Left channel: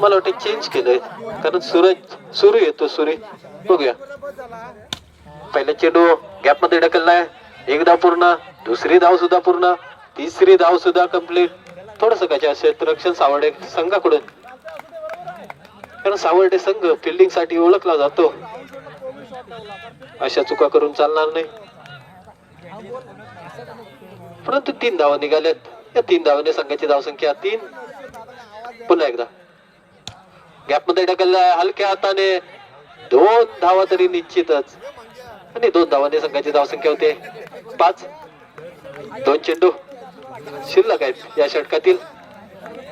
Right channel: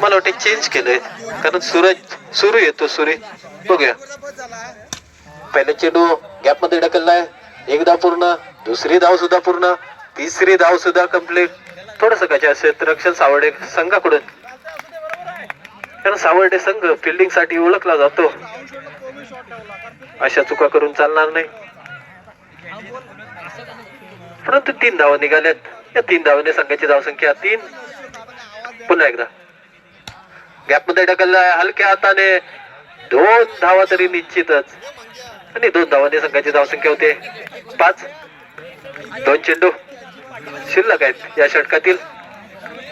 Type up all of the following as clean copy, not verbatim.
मला वाटते चेंज केलंय कारण सुरू येतो सूर्य. बघूया पहिला चेंडू गॅप मध्ये ढकललाय. एक धाव पूर्ण, दुसरी धाव सुद्धा पूर्ण, तिसरी धाव सुद्धा कंप्लीट. थोडस क्षेत्ररक्षण सावर्डे संघाकडून, कारण सावर्डे संघ फिल्डिंग साठी ओळखला जातो. अशा चुका करून चालणार नाही. परंतु 3 धावा निघाल्यात. या 3 धावाने संघाची धावसंख्या 3. पुन्हा एकदा गॅप मध्ये ढकललाय हलक्या हाताने. 2 धावा तरी निश्चितच, आणि 2 धावांनी संघाची धावसंख्या होते 5. 2 चेंडू शिल्लक आहेत या षटकातील.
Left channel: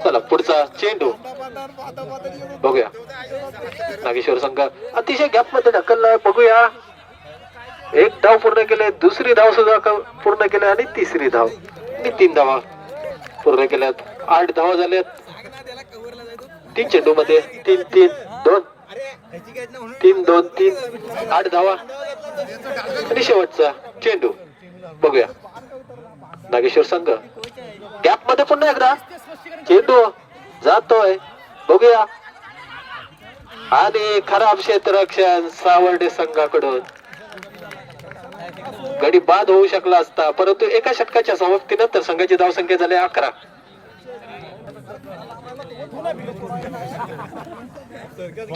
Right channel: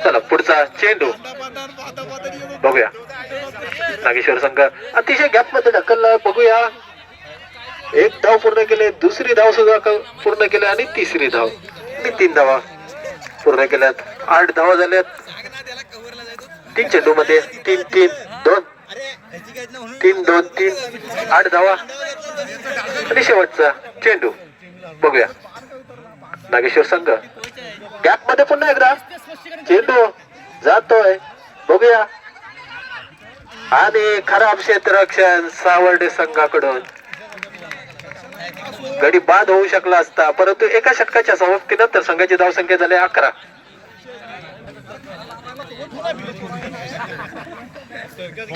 चला पुढचा चेंडू बघूया. नागेश्वर संघ अतिशय गॅप मध्ये ढकललाय. बघूया 1 धाव पूर्ण केले, दुसरी धाव सुद्धा पूर्ण केली आणि तिसरी धाव आणि 3 धावा पूर्ण केल्यात. 8 धावा झाल्यात 3 चेंडू मध्ये. 3-3-2 3-2-3 8 धावा. आणि शेवटचा चेंडू बघूया. नागेश्वर संघ गॅप मध्ये पुन्हा एकदा चेंडू जातोय. बघूया आणि खराब क्षेत्ररक्षण सावर्डे संघाकडून. गडी बाद होऊ शकला असता, परंतु एका षटकाच्या समाप्तीनंतर संघाची धावसंख्या झाली 11.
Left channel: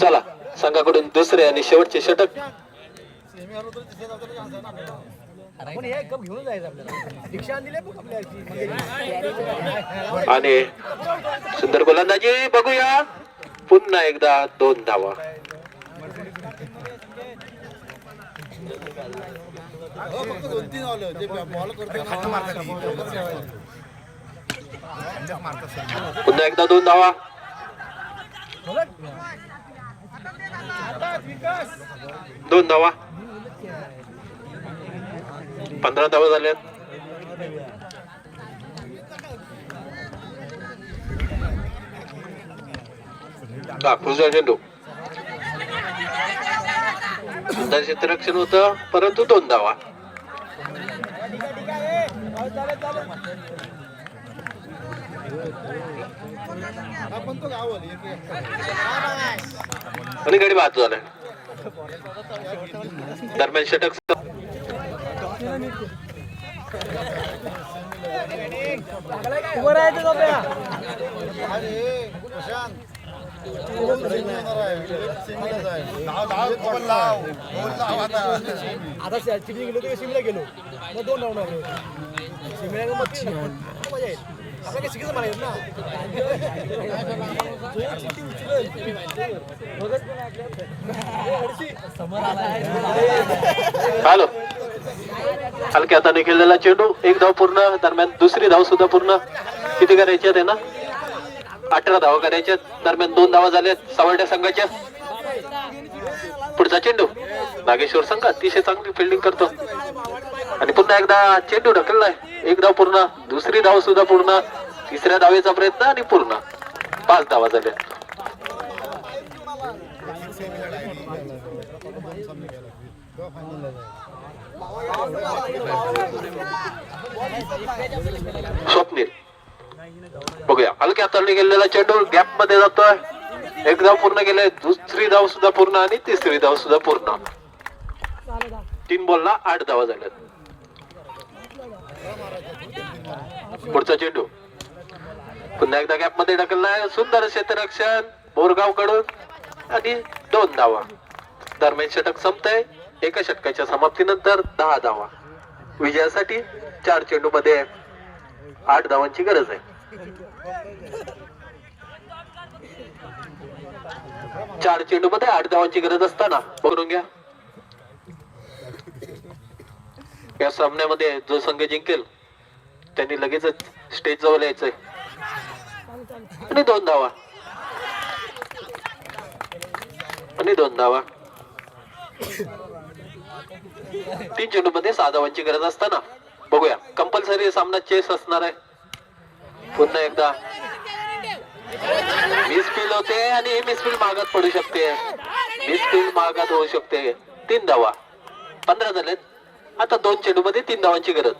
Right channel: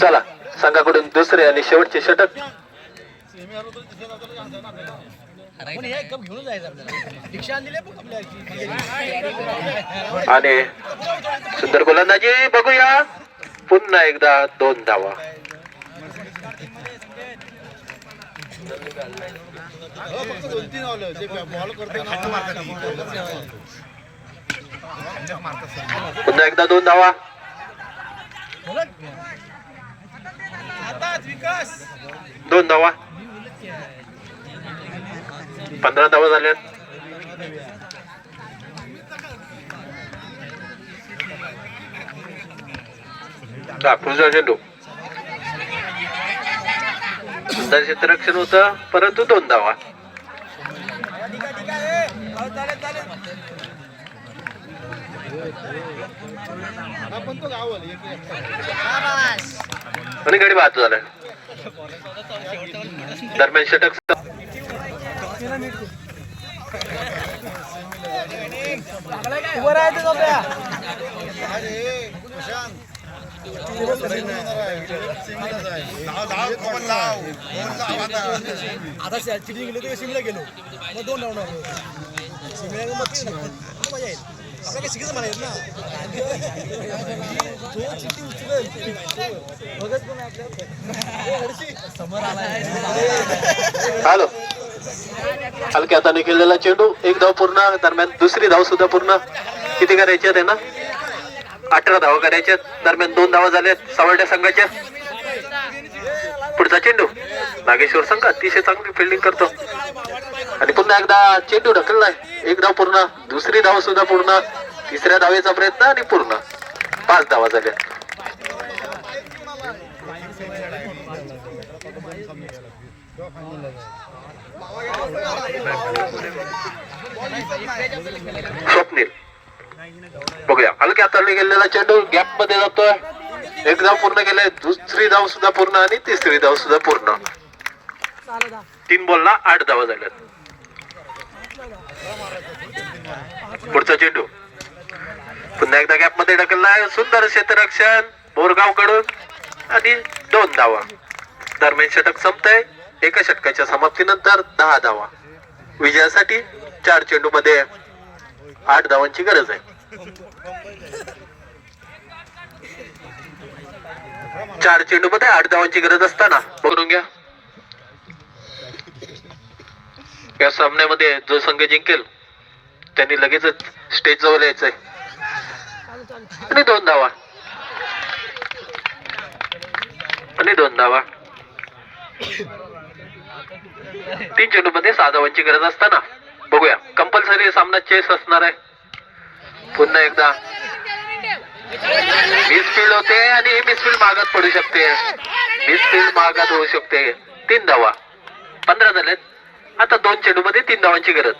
चला संघाकडून दुसरे आणि शेवटचे षटक. आणि सुंदर गोलंदाजी. बघूया पुन्हा एकदा 2 धावा. पुन्हा एकदा 2 धावा. 2 धावा. 15 धावा झाल्यात. पुढचा चेंडू सुंदर क्षेत्ररक्षण होतं, परंतु 2 धावा. आणि गडी बाद झाला. दरम्यान षटक आता चिडी गेलो तर शिमला गेलो मग 2 राऊंड शिमला मच्छी मजा येईल. आपल्याला काही शिकायचं मला येत ना. हॅलो हलक्या हाताने खेळलेला चेंडू. 1 धाव पूर्ण. दरम्यान दुसरी धाव सुद्धा पूर्ण. किती करायच्यात आहे ना? 18 धावा करायच्या. दरम्यान 2 धावा झाल्यात सावर्डे संघाच्या. पुढचा चेंडू नागेश्वर संघ अतिशय चांगली फिल्डिंग करतो. आणि पुन्हा एकदा चेंडू ढकललाय. 1 धाव पूर्ण, दुसरी धाव सुद्धा पूर्ण, तिसऱ्या धावेचा प्रयत्न आणि पूर्ण. 5 धावा झाल्या. स्वप्नील बघूया हलक्या हाताने गेलेला चेंडू गॅप मध्ये जातोय. 1 धाव पूर्ण केलंय, दुसरी धाव सुद्धा पूर्ण आणि तिसरी धाव सुद्धा पूर्ण. 3 बॉलला 8 धावा झाल्यात. पुढचा चेंडू पुन्हा एकदा गॅप मध्ये ढकललाय. सुंदर क्षेत्ररक्षण बोरगाव कडून आणि 2 धावा. दरम्यान षटक संपतंय. एका षटकाच्या समाप्तीनंतर 10 धावा. विजयासाठी 4 चेंडू मध्ये 8 धावांची गरज आहे. चार चेंडू मध्ये 8 धावांची गरज असताना बघून घ्या या सामन्यामध्ये जो संघ जिंकेल त्यांनी लगेचच स्टेज जवळ यायचंय. आणि 2 धावा आणि 2 धावा. 3 चेंडू मध्ये 6 धावांची गरज असताना बघूया. कंपल्सरी सामना चेस असणार आहे. पुन्हा एकदा मिसफील्ड होते आणि ही मिसफील्ड मागात पडू शकते. मिसफील्ड मागात होऊ शकते. 3 धावा. 15 झालेत. आता 2 चेंडू मध्ये 3 धावांची गरज.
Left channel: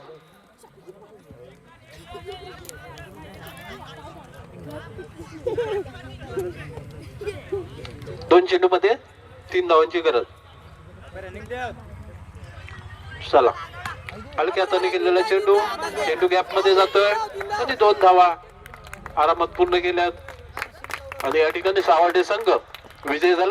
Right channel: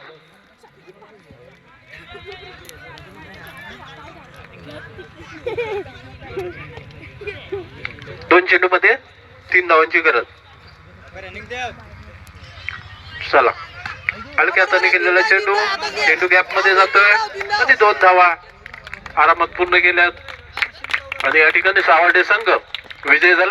दोन चेंडू मध्ये 3 धावांची गरज. चला हलक्या हाताने केलेला चेंडू गॅप मध्ये जातोय आणि 2 धावा आरामात पूर्ण केल्यात आणि या ठिकाणी सावर्डे संघ विजय झाला.